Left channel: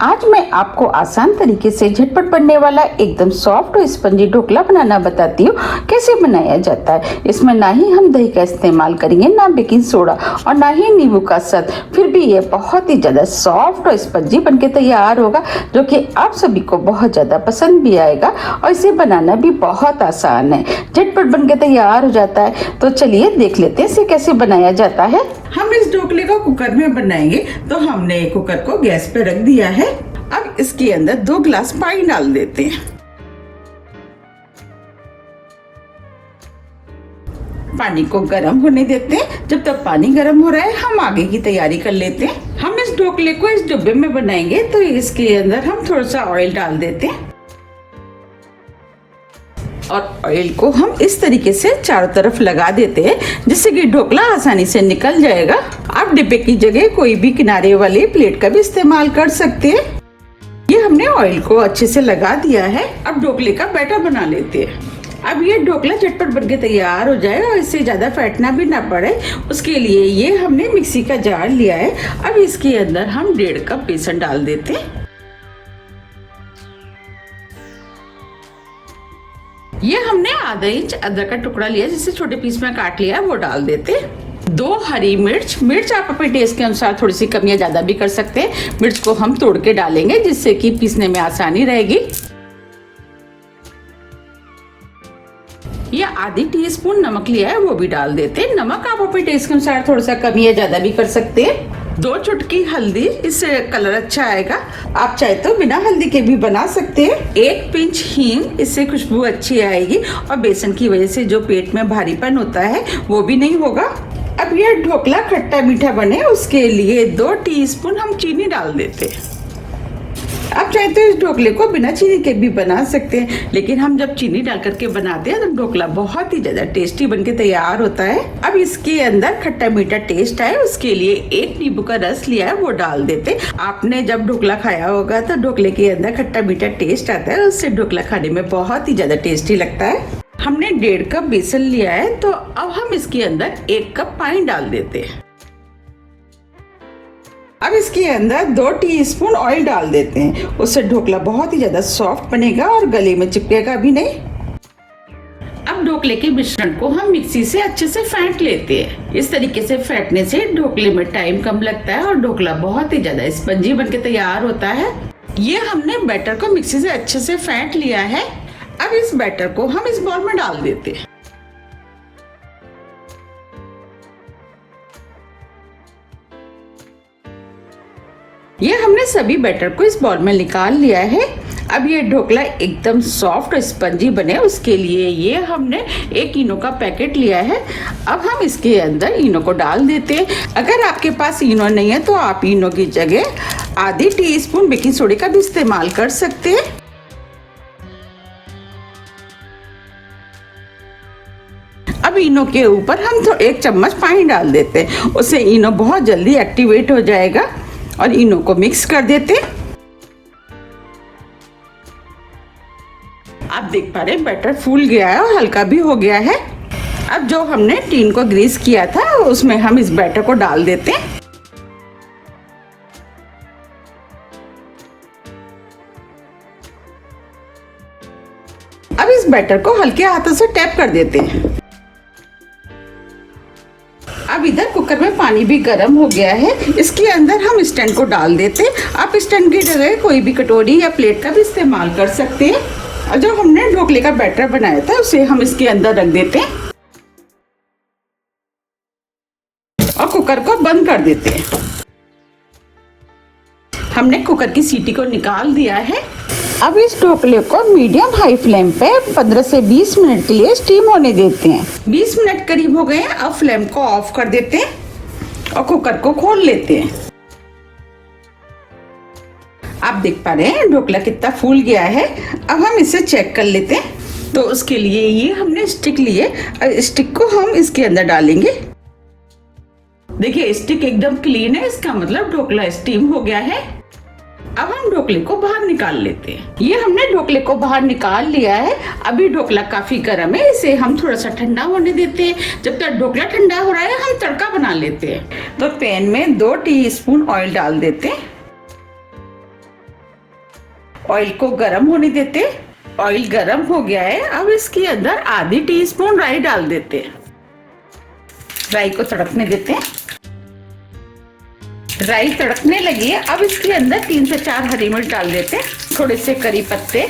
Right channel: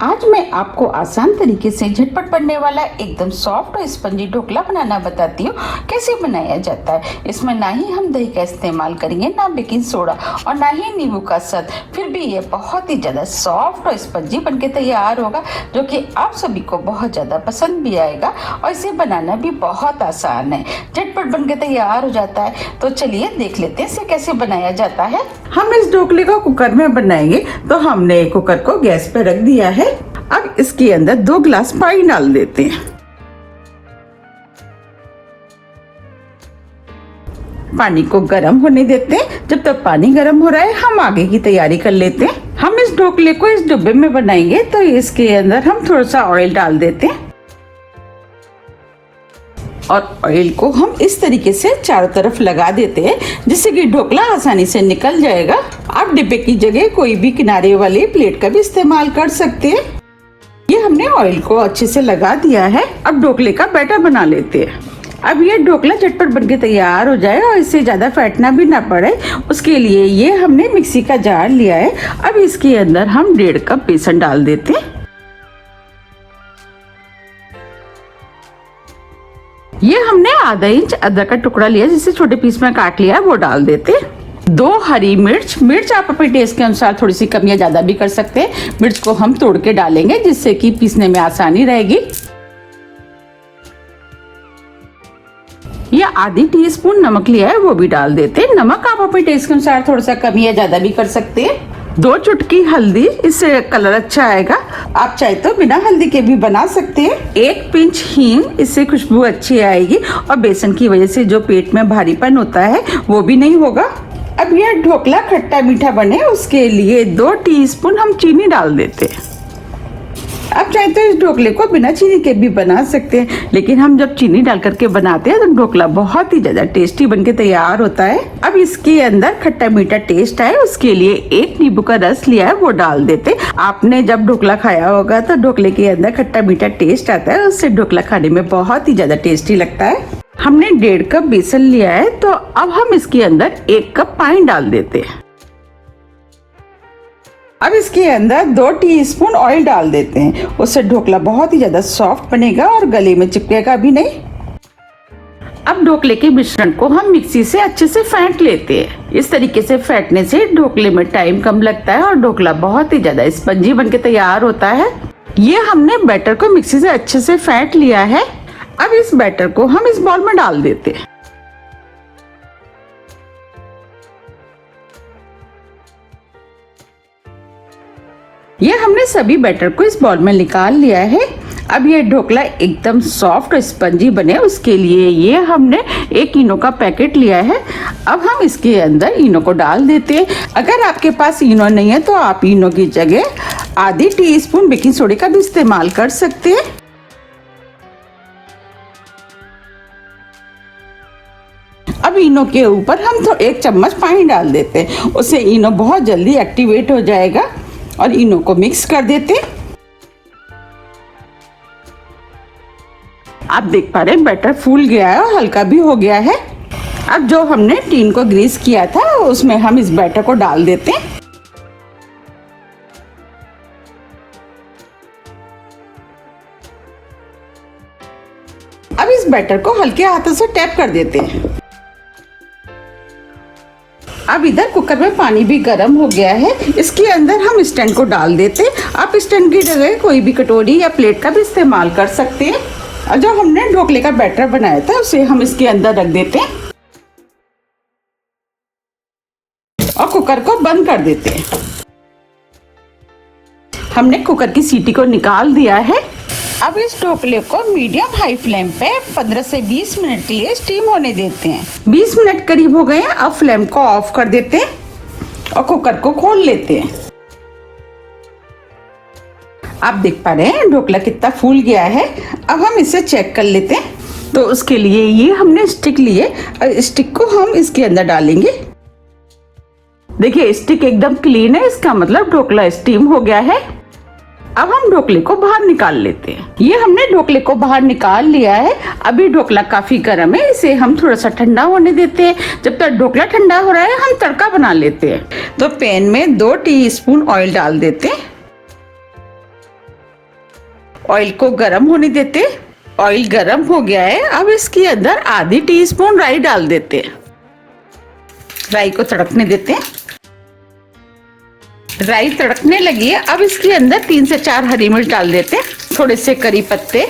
आज मैं आपको आसान तरीके से झटपट बनने वाला एकदम सॉफ्ट और स्पंजी ढोकला बनाना बताती हूँ कैसे बनाया जाता है। इसमें ना ही हम दही का इस्तेमाल करेंगे, ना बेकिंग सोडा और ना ही नींबू का स्वाद, फिर भी ये बहुत ही ज्यादा सॉफ्ट और स्पंजी बनके तैयार होगा, जो कि आप सभी को बहुत ज्यादा पसंद भी आएगा और इसे बनाना भी बहुत आसान है, झटपट बनके तैयार हो जाता है। तो चलिए देख लेते हैं इसे कैसे बनाया जाता है। हम इस ढोकले को कुकर में बनाएंगे, तो हमने कुकर को गैस पे रख दिया है। अब इसके अंदर 2 गिलास पानी डाल देते हैं। पानी को गर्म होने देते हैं। जब तक पानी गर्म हो रहा है हम आगे की तैयारी कर लेते हैं। हम इस ढोकले को इस डब्बे में बनाएंगे, तो इसके अंदर हम थोड़ा सा ऑयल डाल देते हैं और ऑयल को हम इस तरीके से चारों तरफ लगा देते हैं, जिससे कि ढोकला आसानी से निकल जाएगा। आप डिब्बे की जगह कोई भी किनारे वाली प्लेट का भी इस्तेमाल कर सकते हैं। ये हमने ऑयल को अच्छे से लगा दिया है। अब ढोकले का बैटर बना लेते हैं। अब ये ढोकला झटपट बनके तैयार हो जाए और इससे ज्यादा फैटना भी ना पड़े, उसके लिए ये हमने मिक्सी का जार लिया है। अब इसके अंदर हम 1.5 कप बेसन डाल देते हैं। ये हमने आधा इंच अदरक का टुकड़ा लिया, जिसे छोटे पीस में काट लिया है, वो डाल देते। 2 हरी मिर्च आप अपने टेस्ट के अनुसार थोड़ी सी कम या ज्यादा भी कर सकते हैं। मिर्च को हम तोड़ के डालेंगे, जिससे कि पीसने में आसानी रहेगी। ये आधी टीस्पून नमक लिया है, वो भी डाल देते। नमक आप अपने टेस्ट के अनुसार थोड़ा सा कम या ज्यादा भी कर सकते हैं। 2 चुटकी हल्दी, इससे कलर अच्छा आएगा। आप चाहे तो बिना हल्दी के भी बना सकते हैं। 1 पिंच हींग, इससे खुशबू अच्छी आएगी और बेसन की वजह से जो पेट में भारीपन होता है वो भी नहीं होगा। अब यह ढोकला खट्टा मीठा बने, उसके लिए 2 टीस्पून हम चीनी डाल देते हैं। आप चाहे तो इस ढोकले को बिना चीनी के भी बना सकते हैं, लेकिन हम जब चीनी डाल करके बनाते हैं तो ढोकला बहुत ही ज्यादा टेस्टी बनके तैयार होता है। अब इसके अंदर खट्टा मीठा टेस्ट आए, उसके लिए 1 नींबू का रस लिया है, वो डाल देते। आपने जब ढोकला खाया होगा तो ढोकले के अंदर खट्टा मीठा टेस्ट आता है, उससे ढोकला खाने में बहुत ही ज्यादा टेस्टी लगता है। हमने 1.5 कप बेसन लिया है, तो अब हम इसके अंदर 1 कप पानी डाल देते हैं। अब इसके अंदर 2 टीस्पून ऑयल डाल देते हैं, उससे ढोकला बहुत ही ज्यादा सॉफ्ट बनेगा और गले में चिपकेगा भी नहीं। अब ढोकले के मिश्रण को हम मिक्सी से अच्छे से फेंट लेते हैं। इस तरीके से फेंटने से ढोकले में टाइम कम लगता है और ढोकला बहुत ही ज्यादा स्पंजी बनके तैयार होता है। ये हमने बैटर को मिक्सी से अच्छे से फेंट लिया है। अब इस बैटर को हम इस बाउल में डाल देते हैं। ये हमने सभी बैटर को इस बाउल में निकाल लिया है। अब ये ढोकला एकदम सॉफ्ट और स्पंजी बने, उसके लिए ये हमने 1 इनो का पैकेट लिया है। अब हम इसके अंदर इनो को डाल देते हैं। अगर आपके पास इनो नहीं है तो आप इनो की जगह आधी टीस्पून बेकिंग सोडा का भी इस्तेमाल कर सकते हैं। अब इनो के ऊपर हम 1 चम्मच पानी डाल देते हैं, उससे इनो बहुत जल्दी एक्टिवेट हो जाएगा। और इनो को मिक्स कर देते। आप देख पा रहे हैं बैटर फूल गया है और हल्का भी हो गया है। अब जो हमने टीन को ग्रीस किया था उसमें हम इस बैटर को डाल देते हैं। अब इस बैटर को हल्के हाथों से टैप कर देते हैं। अब इधर कुकर में पानी भी गर्म हो गया है, इसके अंदर हम स्टैंड को डाल देते। आप स्टैंड की जगह कोई भी कटोरी या प्लेट का भी इस्तेमाल कर सकते हैं। और जो हमने ढोकले का बैटर बनाया था उसे हम इसके अंदर रख देते हैं और कुकर को बंद कर देते हैं। हमने कुकर की सीटी को निकाल दिया है। अब इस ढोकले को मीडियम हाई फ्लेम पे 15 से 20 मिनट के लिए स्टीम होने देते हैं। 20 मिनट करीब हो गए हैं। अब फ्लेम को ऑफ कर देते हैं और कुकर को खोल लेते हैं। आप देख पा रहे हैं ढोकला कितना फूल गया है। अब हम इसे चेक कर लेते हैं। तो उसके लिए ये हमने स्टिक लिए, स्टिक को हम इसके अंदर डालेंगे। देखिए स्टिक एकदम क्लीन है, इसका मतलब ढोकला स्टीम हो गया है। अब हम ढोकले को बाहर निकाल लेते हैं। ये हमने ढोकले को बाहर निकाल लिया है। अभी ढोकला काफी गर्म है, इसे हम थोड़ा सा ठंडा होने देते हैं। जब तक ढोकला ठंडा हो रहा है हम तड़का बना लेते हैं। तो पैन में 2 टीस्पून ऑयल डाल देते हैं। ऑयल को गरम होने देते। ऑयल गरम हो गया है, अब इसके अंदर आधी टीस्पून राई डाल देते। राई को तड़कने देते। राई तड़कने लगी है, अब इसके अंदर 3 से 4 हरी मिर्च डाल देते, थोड़े से करी पत्ते।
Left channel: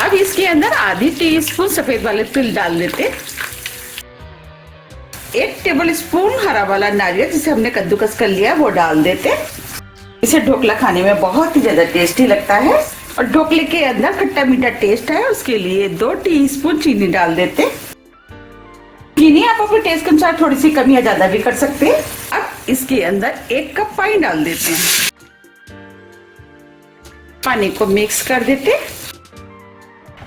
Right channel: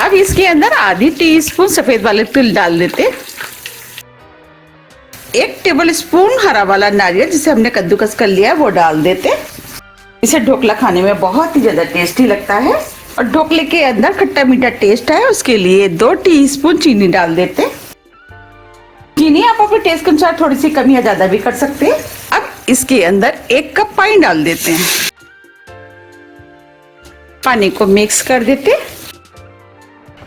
अब इसके अंदर आधी टीस्पून सफेद वाले तिल डाल देते। 1 टेबल स्पून हरा वाला नारियल जिसे हमने कद्दूकस कर लिया वो डाल देते। इसे ढोकला खाने में बहुत ही ज्यादा टेस्टी लगता है और ढोकले के अंदर खट्टा मीठा टेस्ट है, उसके लिए 2 टीस्पून चीनी डाल देते। चीनी आप अपने टेस्ट के अनुसार थोड़ी सी कम या ज्यादा भी कर सकते हैं। अब इसके अंदर 1 कप पानी डाल देते हैं। पानी को मिक्स कर देते।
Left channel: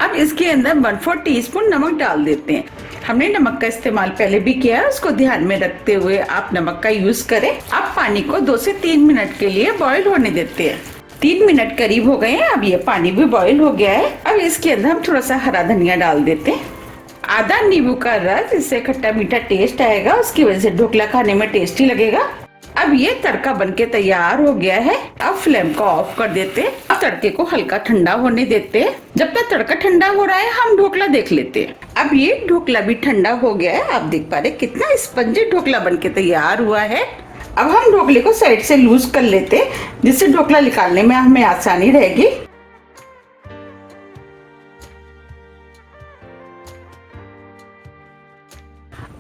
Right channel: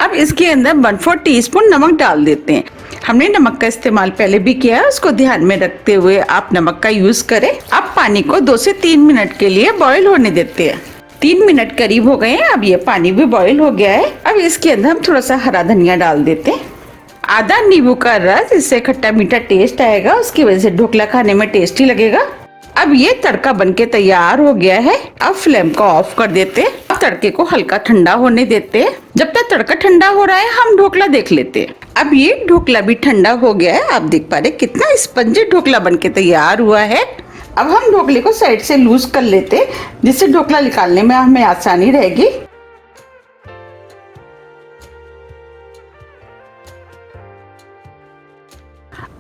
अब इसके अंदर 1/4 टीस्पून नमक डाल देते हैं। हमने नमक का इस्तेमाल पहले भी किया है, उसको ध्यान में रखते हुए आप नमक का यूज करें। अब पानी को 2 से 3 मिनट के लिए बॉईल होने देते हैं। 3 मिनट करीब हो गए हैं, अब ये पानी भी बॉईल हो गया है। अब इसके अंदर हम थोड़ा सा हरा धनिया डाल देते हैं। आधा नींबू का रस, इससे खट्टा मीठा टेस्ट आएगा, उसकी वजह से ढोकला खाने में टेस्टी लगेगा। अब ये तड़का बनके तैयार हो गया है। अब फ्लेम को ऑफ कर देते। अब तड़के को हल्का ठंडा होने देते। जब तक तड़का ठंडा हो रहा है हम ढोकला देख लेते। अब ये ढोकला भी ठंडा हो गया है, आप देख पा रहे कितना स्पंजी ढोकला बनके तैयार हुआ है। अब हम ढोकले को साइड से लूज कर लेते, जिससे ढोकला निकालने में हमें आसानी रहेगी।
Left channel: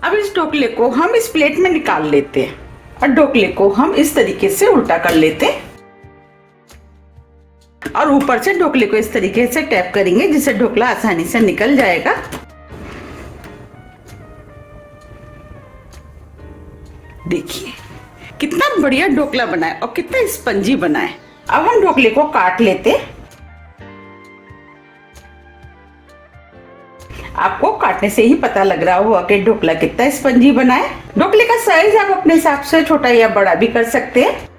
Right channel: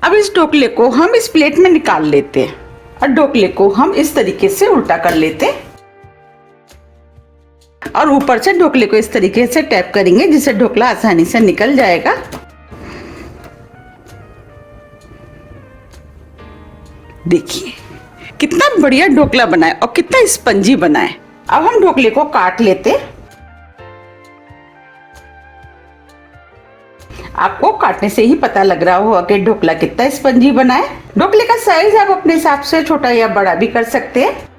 अब इस ढोकले को हम इस प्लेट में निकाल लेते और ढोकले को हम इस तरीके से उल्टा कर लेते और ऊपर से ढोकले को इस तरीके से टैप करेंगे, जिससे ढोकला आसानी से निकल जाएगा। देखिए कितना बढ़िया ढोकला बना है और कितना स्पंजी बना है। अब हम ढोकले को काट लेते। आपको काटने से ही पता लग रहा होगा कि ढोकला कितना स्पंजी बना है। ढोकले का साइज आप अपने हिसाब से छोटा या बड़ा भी कर सकते हैं।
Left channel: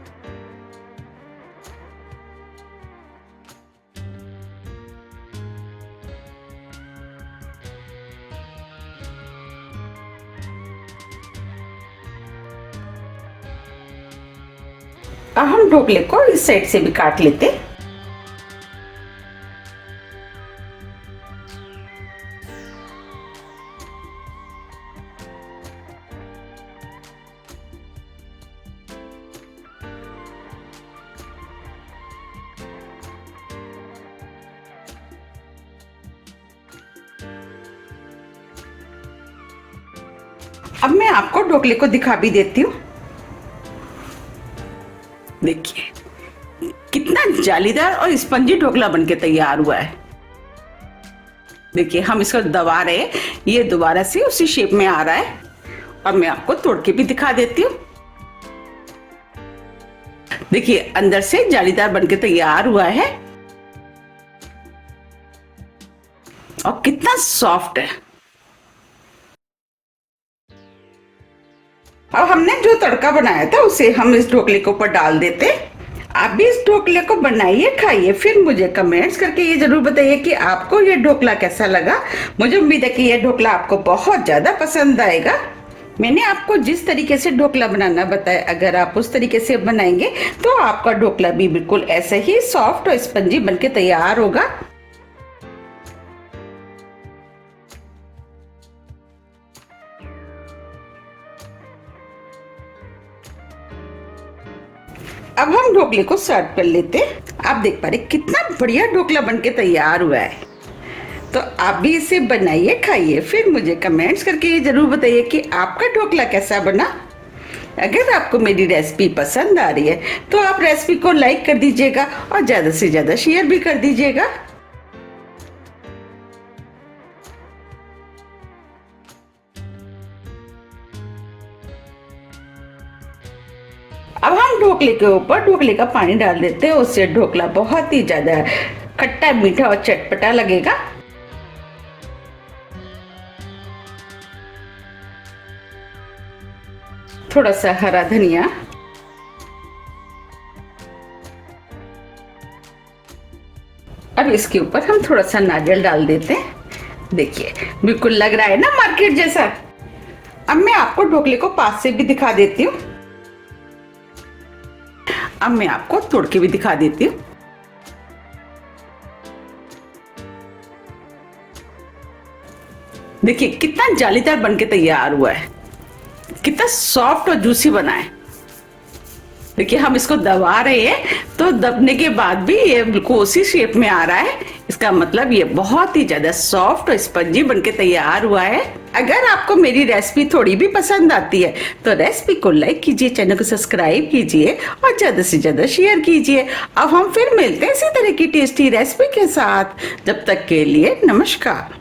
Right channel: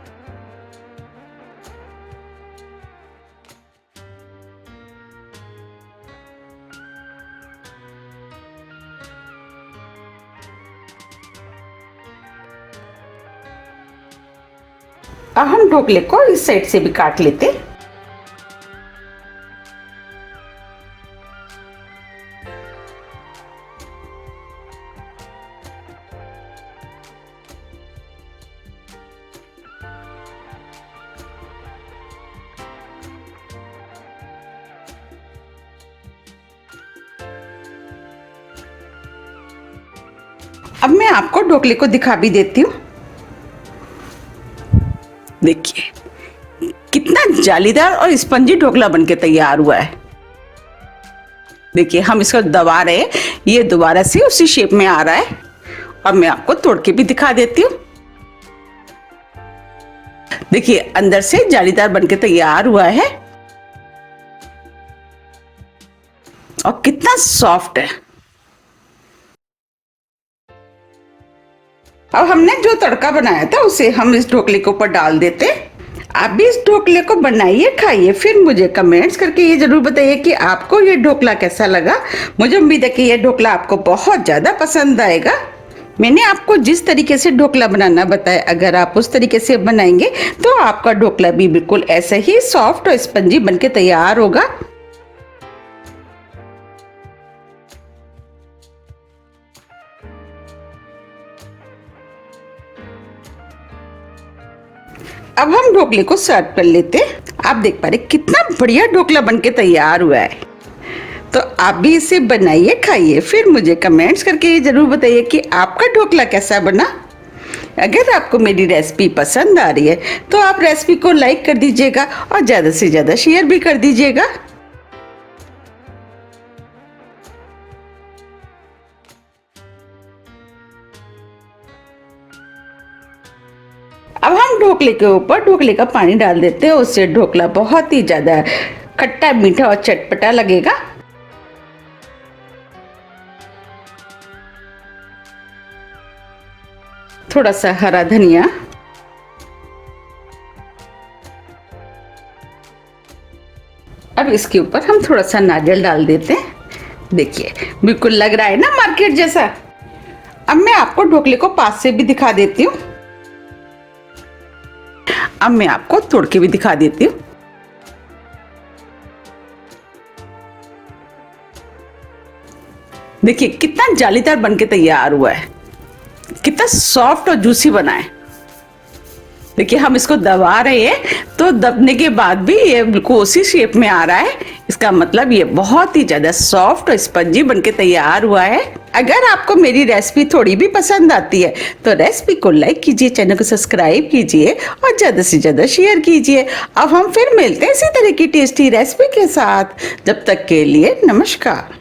अब हम ढोकले को इस साइड से भी काट लेते। अब मैं आपको ढोकले को दिखा भी देती हूँ। देखिए कितना जालीदार और स्पंजी ढोकला बनके तैयार हुआ है। देखिए हम इसको दबा रहे हैं, ये दोबारा से उसी शेप में आ रहा है। अब मैं आपको तोड़ के भी दिखा देती हूँ। देखिए अंदर से जालीदार बनके तैयार हुआ है और कितना सॉफ्ट है। अब हमने जो तड़का बनाया था उसे हम इस ढोकले के ऊपर डाल देते। आप भी इस ढोकले को बनाइए, खाइए, फिर मुझे कमेंट्स करके ये जरूर बताइए कि आपको ये ढोकला कैसा लगा। मुझे उम्मीद है कि ये ढोकला आपको बहुत ज्यादा पसंद आएगा। मैंने आपको जिस तरीके से ढोकला बनाना बताया, अगर आप उस तरीके से बनाएंगे तो आपका ढोकला भी बिल्कुल ऐसे ही सॉफ्ट और स्पंजी बनके तैयार होगा। अब हम ढोकले को सर्व कर लेते। आप देख पा रहे कितना बढ़िया ढोकला बनके तैयार हुआ है। तो आप भी इसे बनाइए, खाइए, फिर मुझे कमेंट्स करके ये जरूर बताइए कि आपका ढोकला कैसा बना। अगर आपको मेरी रेसिपी पसंद आ रही है तो आप रेसिपी को लाइक कर दीजिएगा और ज्यादा से ज्यादा शेयर भी कर दीजिएगा। अब हम ढोकले के ऊपर ढोकले का पानी डाल देते हैं, उससे ढोकला बहुत ही ज्यादा खट्टा मीठा और चटपटा लगेगा। थोड़ा सा हरा धनिया, अब इसके ऊपर हम थोड़ा सा नारियल डाल देते हैं। देखिए बिल्कुल लग रहा है ना मार्केट जैसा। अब मैं आपको ढोकले को पास से भी दिखा देती हूँ। अब मैं आपको तोड़ के भी दिखा देती हूँ। देखिए कितना जालीदार बनके तैयार हुआ है, कितना सॉफ्ट और जूसी बना है। देखिए हम इसको दबा रहे हैं तो दबने के बाद भी ये बिल्कुल उसी शेप में आ रहा है। इसका मतलब ये बहुत ही ज्यादा सॉफ्ट और स्पंजी बनके तैयार हुआ है। अगर आपको मेरी रेसिपी थोड़ी भी पसंद आती है तो रेसिपी को लाइक कीजिए, चैनल को सब्सक्राइब कीजिए और ज्यादा से ज्यादा शेयर कीजिए। अब हम फिर मिलते हैं इसी तरह की टेस्टी रेसिपी के साथ। जब तक के लिए नमस्कार।